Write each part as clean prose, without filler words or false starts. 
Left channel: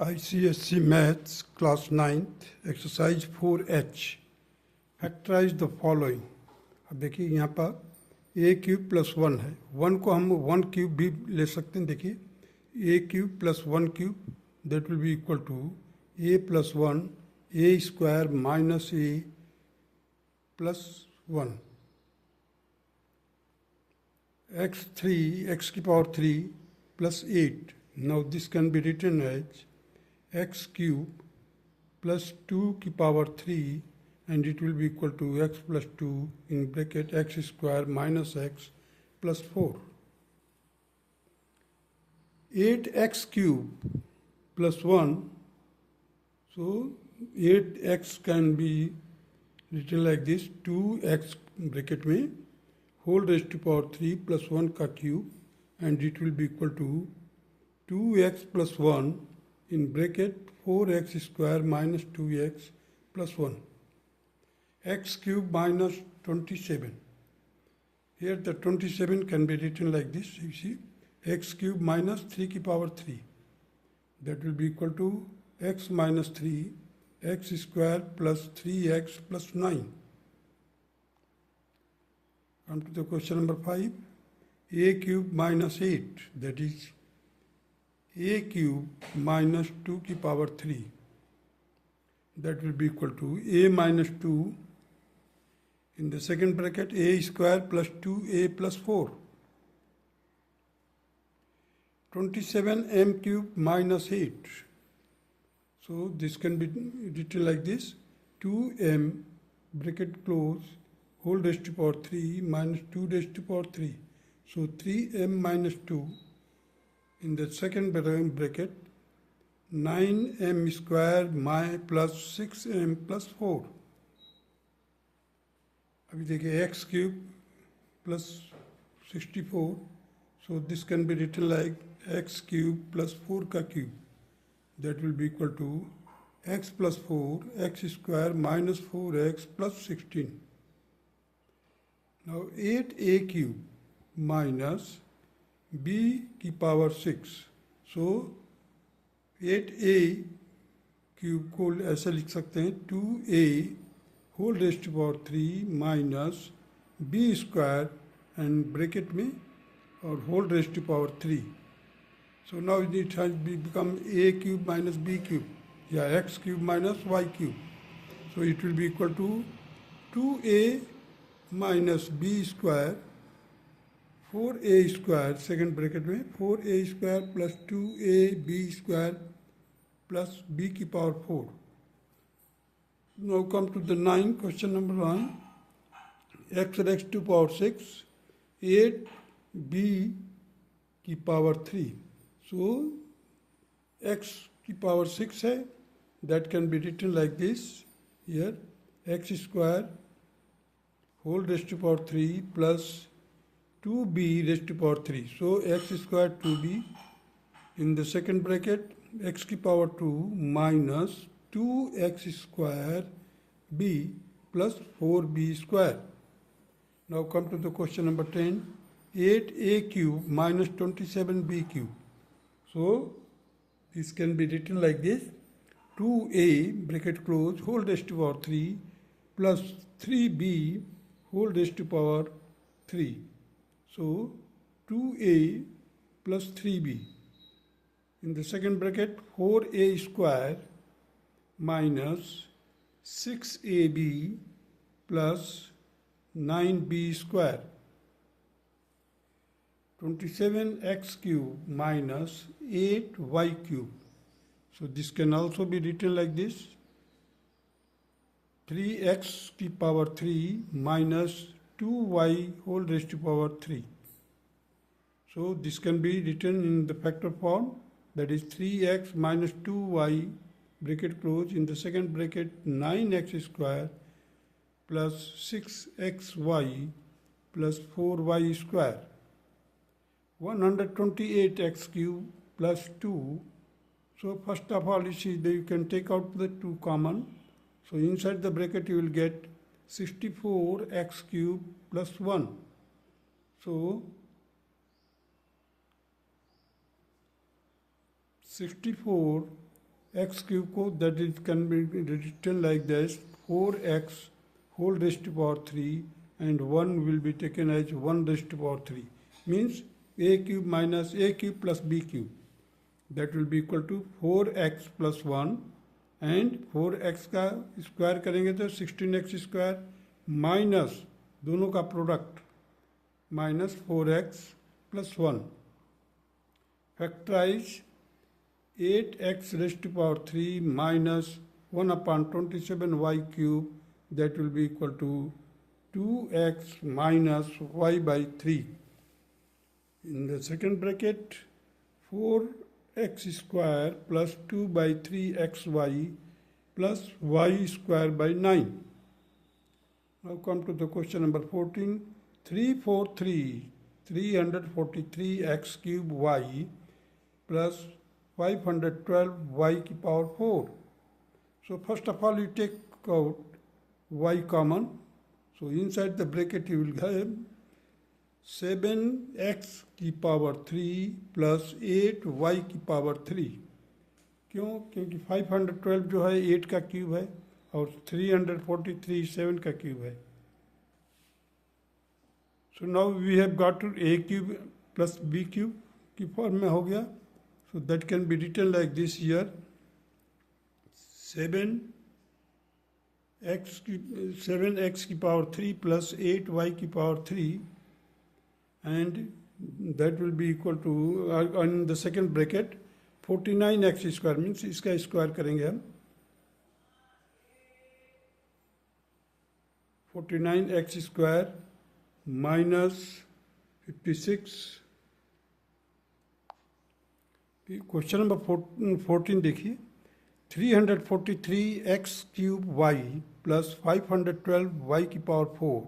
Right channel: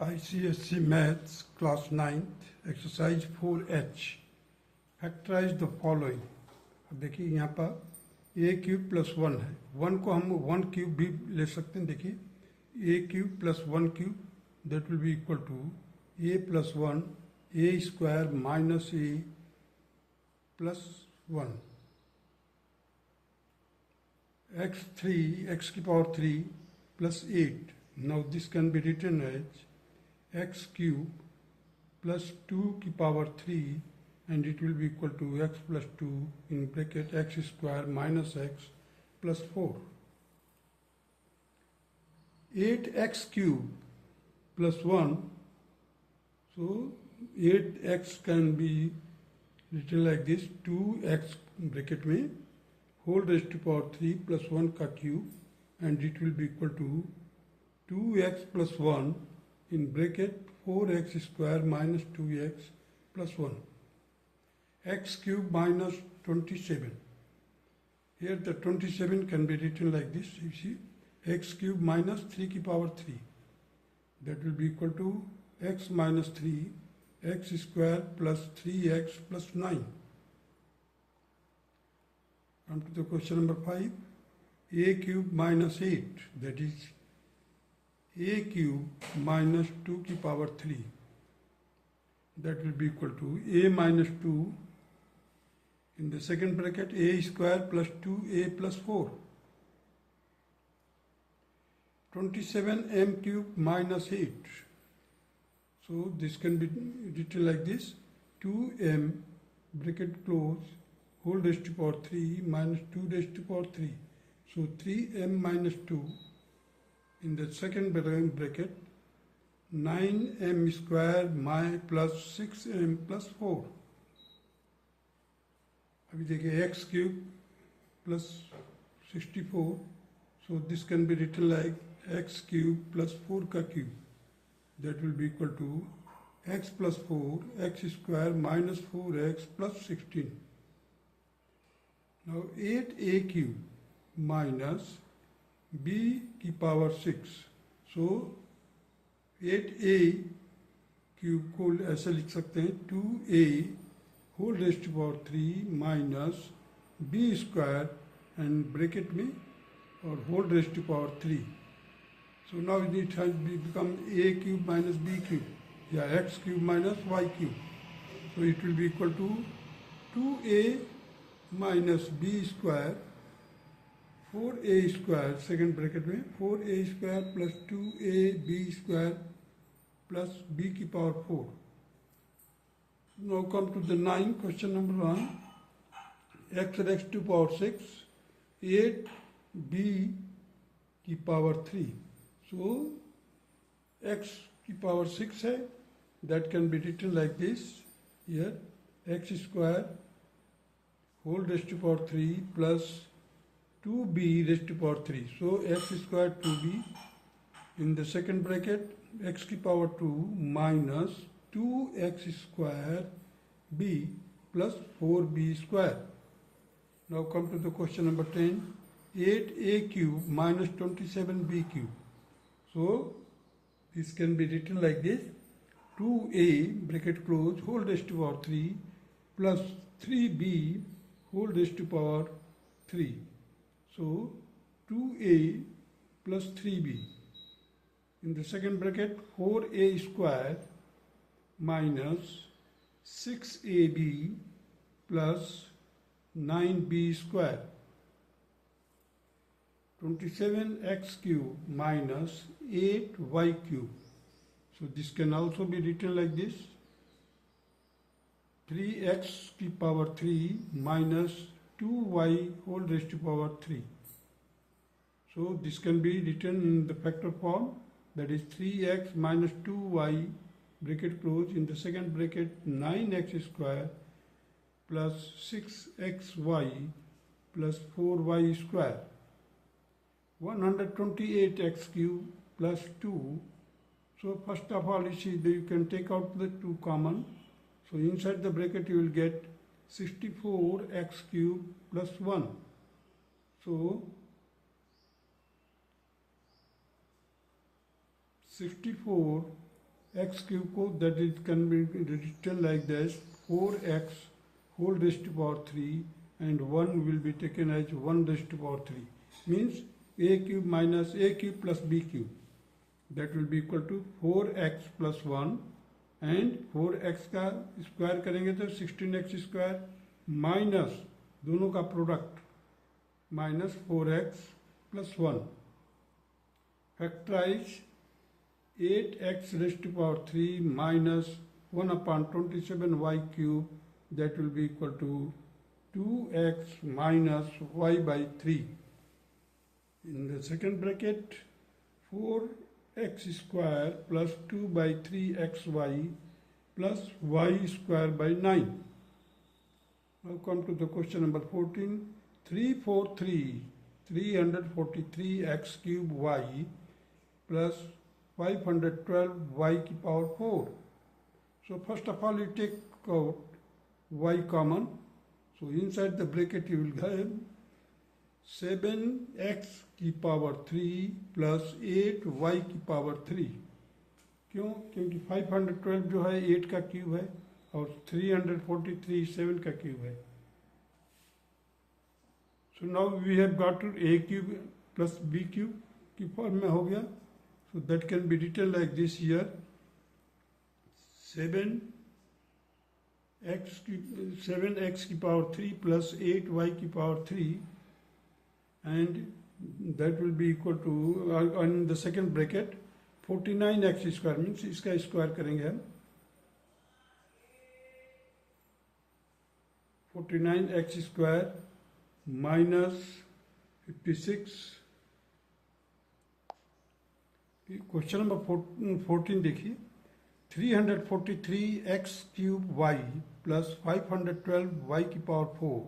ICSC Maths Class 9th Exercise 4H factorise the following. अब देखिए यहाँ पर ए क्यूब प्लस वन है, वन को हम वन क्यूब भी ले सकते हैं। देखिए A cube plus one cube that will be equal to A plus one A square minus A plus one X three X की power three plus eight. Now this can be written as x cube plus 2 की power 3 and it will be equal to x plus 2 in bracket x square minus x plus 4. 8x cube plus 1, so 8x can be written like this, 2x bracket में whole raised to power 3 plus 1 का cube and it will be equal to 2x plus 1 in bracket 4x square minus 2x plus 1 x cube minus 27. Here the 27 can be written like this, you see, x cube minus 3 की power 3 that will be equal to x minus 3 x square plus 3x plus 9. Come to the question number 5. A cube minus 8, that is a cube minus 2 की power 3 that will be equal to a minus 2 in the second bracket a square plus 2a plus 4. 27m cube minus 8, so this can be written like this, 2m bracket close whole raised to power 3 minus 2 raised to power 3, so 3m minus 2 in the second bracket 9m square plus 6m plus 4. अभी देखिए x cube plus 64, so this can be written like x cube plus 4 का cube that will be equal to x plus 4 x square minus 4x plus 16. Now 8a cube minus b की power 6, so 8a cube को ऐसे लिख सकते हैं 2a whole raised to power 3 minus b square and bracket में और whole raised to power 3. So now it has become a cube minus b cube या x cube minus y cube, so it will be equal to 2a minus b square 4a square second bracket में 4a square plus 2ab square plus b की power 4. Now come to the 9 question number 1. x रेक्स to power 6 8b की power 3, सो x की power 6 है, that can be written like this here x square whole raised to power 3 plus 2b raised to power 3. So x square 2b in the second bracket x की power 2 minus 2x square b plus 4b square. Now come to the question number 10. 8a cube minus 27b cube. So this can be written like this, 2a bracket close whole raised to power 3 plus 3b whole raised to power 3. So 2a plus 3b in the second bracket 4a square minus 6ab plus 9b square. 27x cube minus 8y cube. So this can also be written like this, 3x की power 3 minus 2y whole raised to power 3. So this can be written in the factor form, that is 3x minus 2y bracket close in the second bracket 9x square plus 6xy plus 4y square. 128x cube plus 2. So first of all you see that you can take out the 2 common. So inside the bracket you will get 64x cube plus 1. So 64 x cube को that is can be written like this 4x whole raised to power 3 and 1 will be taken as 1 raised to power 3 means a cube minus a cube plus b cube that will be equal to 4x plus 1 and 4x का square करेंगे तो 16x square minus दोनों का product minus 4x plus 1 factorize 8x raised to power 3 minus 1 upon 27y cube that will be equal to 2x minus y by 3. In the second bracket, 4x square plus 2 by 3xy plus y square by 9. Now come to the question number 14. 343x cube y plus 512y की power 4. So first of all you take out y common, so inside the bracket you will have 7x की power 3 plus 8y की power 3. क्यों? क्योंकि 512 जो है 8 का cube है और 343 7 का क्यूब है. So now we have got a cube plus b cube की फॉर्म में हो गया. So that can be written like this here 7x की पावर 3 प्लस 8y की power 3 and that will be equal to in the second bracket 49x square means इसका square करेंगे हम 49x square minus 56. Question number 14 देखिए 343x cube y plus 512y की power 4.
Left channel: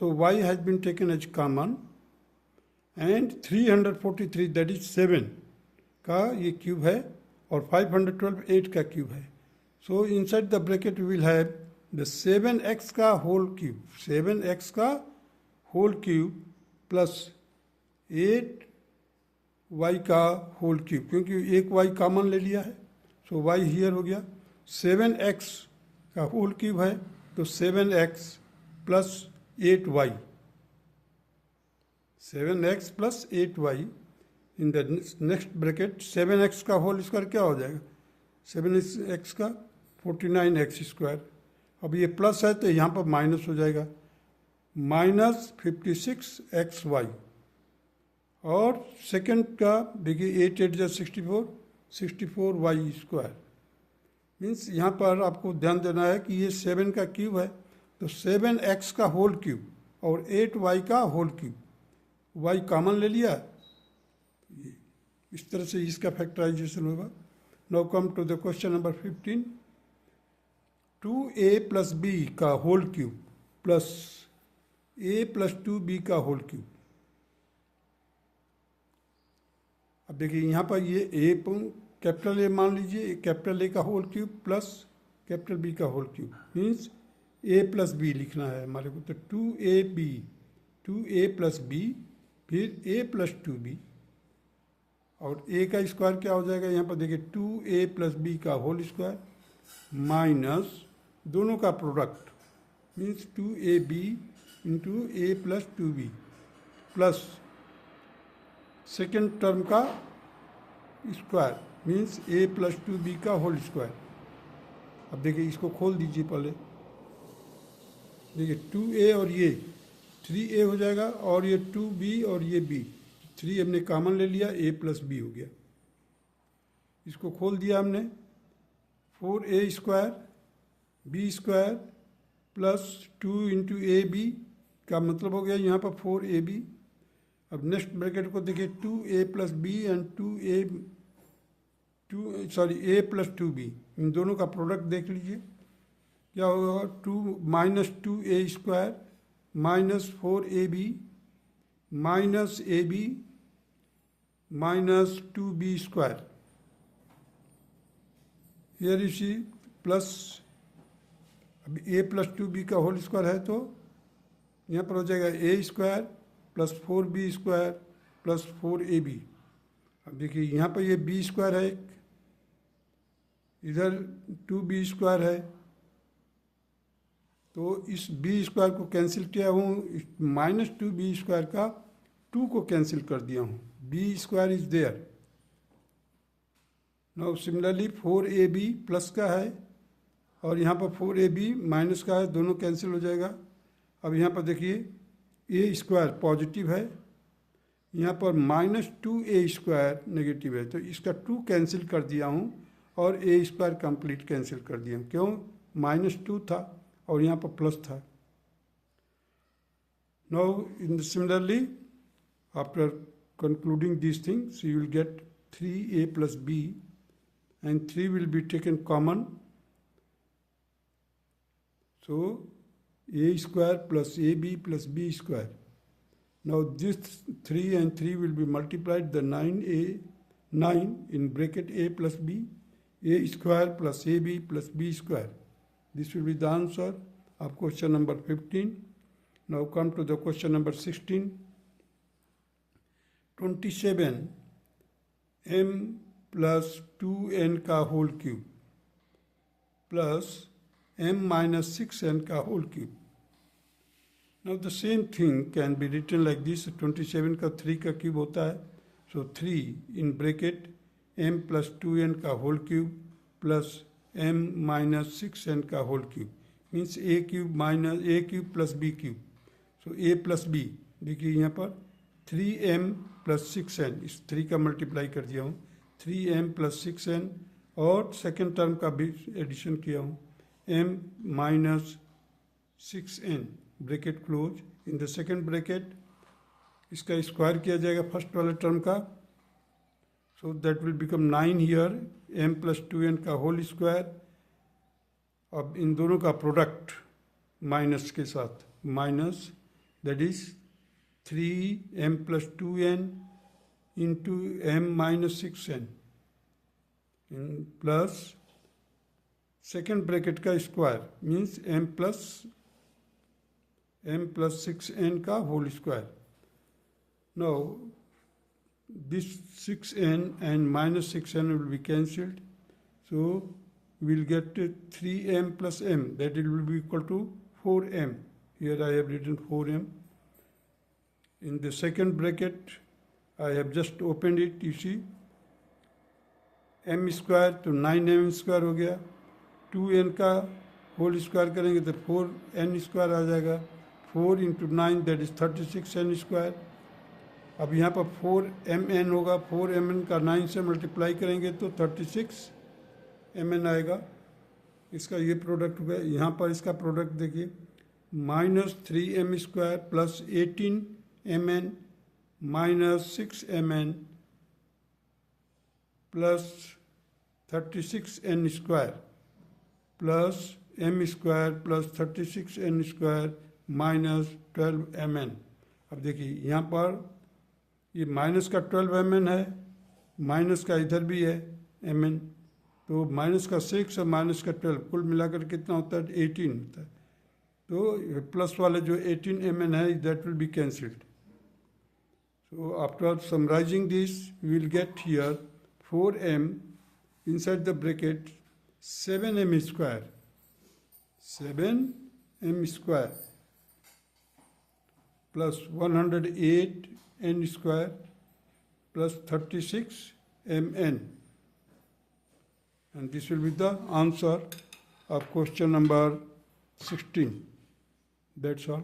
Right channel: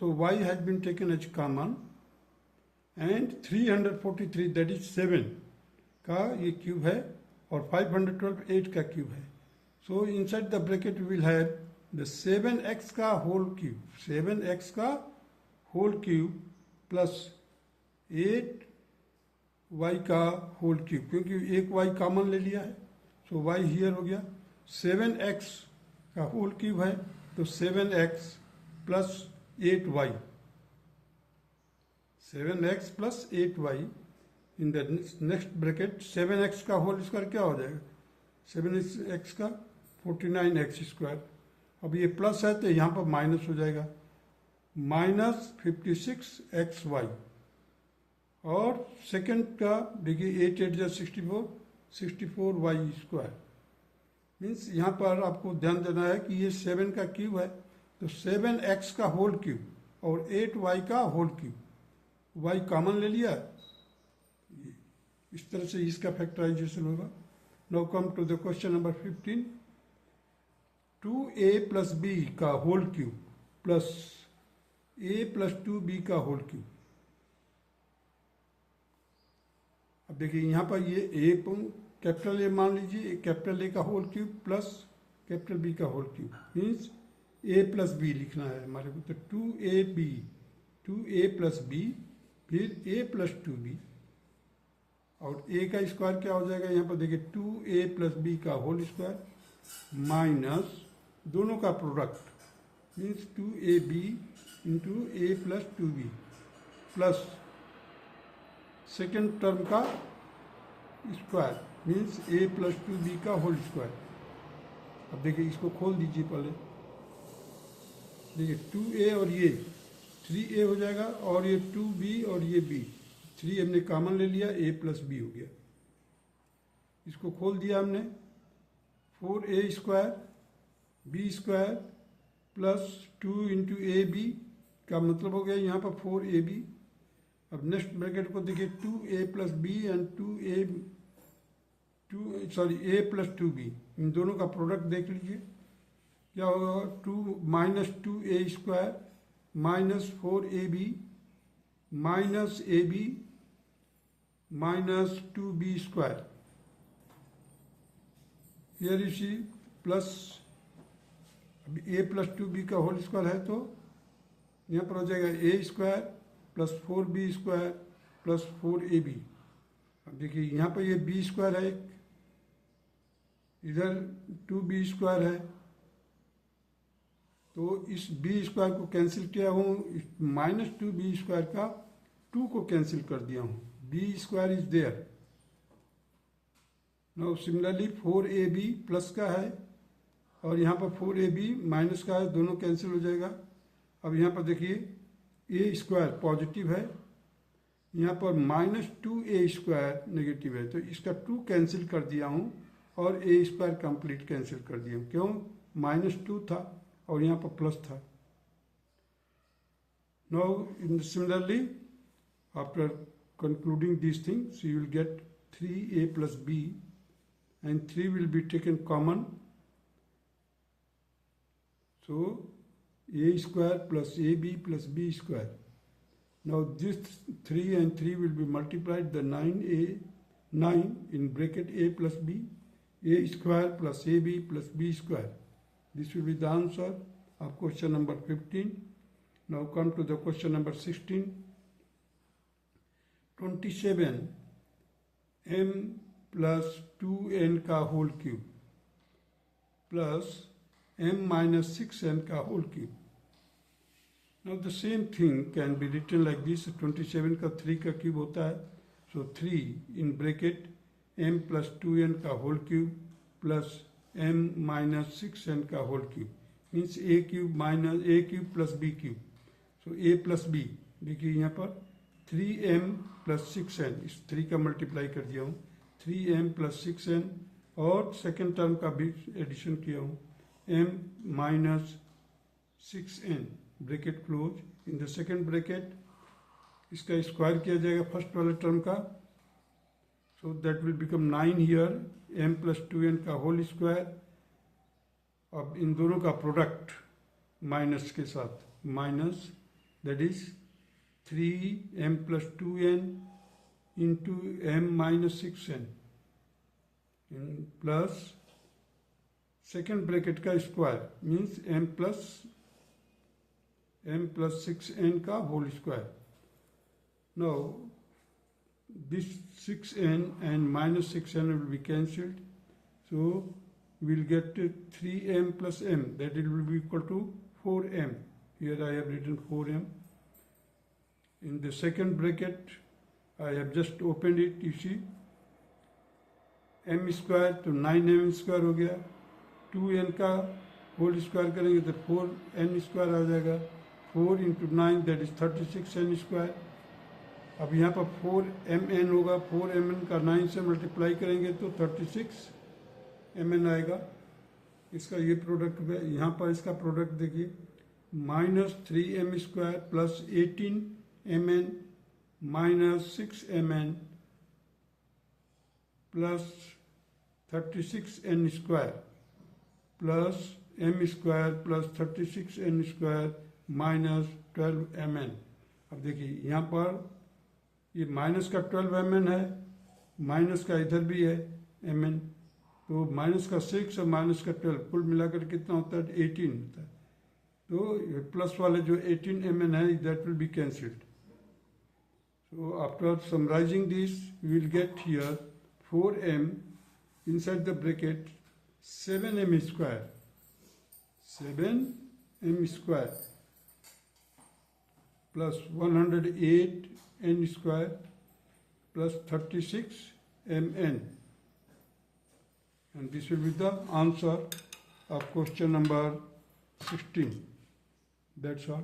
So y has been taken as common and 343 that is 7 का ये cube है और 512 8 का क्यूब है. So inside the bracket we will have the 7x का whole cube, 7x का whole cube plus 8y का whole cube क्योंकि एक y कॉमन ले लिया है. तो y हियर हो गया 7x का होल क्यूब है तो 7x plus 8y 7x plus 8y in the next bracket 7x का होल स्क्वायर क्या हो जाएगा 7x का 49x स्क्वायर. अब ये प्लस है तो यहाँ पर माइनस हो जाएगा माइनस 56xy और सेकंड का देखिए 8 8 64 64y स्क्वायर मीन्स यहाँ पर आपको ध्यान देना है कि ये 7 का क्यूब है तो 7x का होल क्यूब और 8y का होल क्यूब y कॉमन ले लिया. इस तरह से इसका फैक्टराइजेशन होगा. Now come to the question number 15. 2a plus b का whole cube plus a plus 2b का होल क्यूब. अब देखिए यहाँ पर ये कैपिटल ए मान लीजिए कैपिटल ए का whole cube plus capital B का whole cube means A plus B लिखना है हमारे को. तो 2a प्लस बी फिर a प्लस 2b और a का स्क्वायर क्या हो जाएगा यहाँ पर देखिए 2a प्लस बी का होल स्क्वायर माइनस दोनों का product means 2ab into a plus 2b plus second term का square means a plus 2b का होल स्क्वायर. अब देखिए इसको खोल दीजिए पहले देखिए 2a और ये 3a हो जाएगा और ये 2b और ये b 3 हमने कॉमन ले लिया a प्लस b हो गया. इसको खोल दिया हमने 4a square b square plus 2 into A B का मतलब हो गया यहाँ पर 4ab. अब नेक्स्ट ब्रैकेट को देखिए 2a plus B and a plus 2b इन दोनों का प्रोडक्ट देख लीजिए क्या होगा 2 minus 2a square minus 4ab minus ab minus 2b square. Here you see plus अब a प्लस 2b का होल स्क्वायर है तो यहाँ पर हो जाएगा a square plus 4b square plus 4ab. अब देखिए यहाँ पर ये b स्क्वायर है इधर 2b² है, तो इस b² को कैंसिल किया हूँ, -2b² का 2 को कैंसिल कर दिया हूँ, b² is there. Now similarly 4ab plus का है और यहाँ पर 4ab माइनस का है, दोनों कैंसिल हो जाएगा। अब यहाँ पर देखिए a² पॉजिटिव है, यहाँ पर -2a² नेगेटिव है, तो इसका 2 कैंसिल कर दिया हूँ और a² कंप्लीट कैंसिल कर दिया हूँ। क्यों? -2 था और यहाँ पर प्लस था। Now similarly after concluding these things you will get 3a plus b and 3 will be taken common, so a² plus ab plus b². Now this 3 and 3 will be multiplied, the 9 in bracket a plus b, a² plus ab plus b². This will be the answer of question number 15. Now come to the question number 16. 27 m plus 2n का whole cube plus m minus 6n का whole cube. Now the same thing can be written like this. 27 का 3 का cube होता है, so 3 in bracket m plus 2n का whole cube plus m minus 6n का whole cube means a cube minus a cube plus b cube. So a plus b, देखिए यहाँ पर 3m plus 6n, इस 3 का multiply कर दिया हूँ, 3m plus 6n और सेकेंड टर्म का भी एडिशन किया हूँ, m minus 6n bracket close. In the second bracket इसका स्क्वायर किया जाएगा फर्स्ट वाले टर्म का, so that will become 9 here, m plus 2n का होल स्क्वायर. अब इन दोनों का प्रोडक्ट माइनस के साथ, minus that is 3m plus 2n into m minus 6n plus second bracket का square means m plus 6n का whole square. Now this 6n and minus 6n will be cancelled, so we will get 3m plus m, that it will be equal to 4m. Here I have written 4m. In the second bracket, I have just opened it, you see, m² तो 9m² हो गया, 2n का whole square करेंगे तो 4n² आ जाएगा, 4 into 9 that is 36n². अब यहाँ पर 4mn होगा, 4mn का 9 से मल्टीप्लाई करेंगे तो 36mn आएगा. इसका ये प्रोडक्ट है, यहाँ पर इसका प्रोडक्ट देखिए, -3m² plus 18mn minus 6mn plus 36n² plus m² plus 36n² minus 12mn. अब देखिए यहाँ पर ये माइनस का 12mn है, माइनस का इधर भी है mn, तो माइनस का 6 और माइनस का 12 कुल मिलाकर कितना होता है? 18 होता है. तो प्लस वाले जो 18mn है that will B cancelled. So after summarizing this, we will get here 4m inside the bracket 7m² 7m² plus 108n² plus 36mn, and this will be the answer of question number 16. That's all.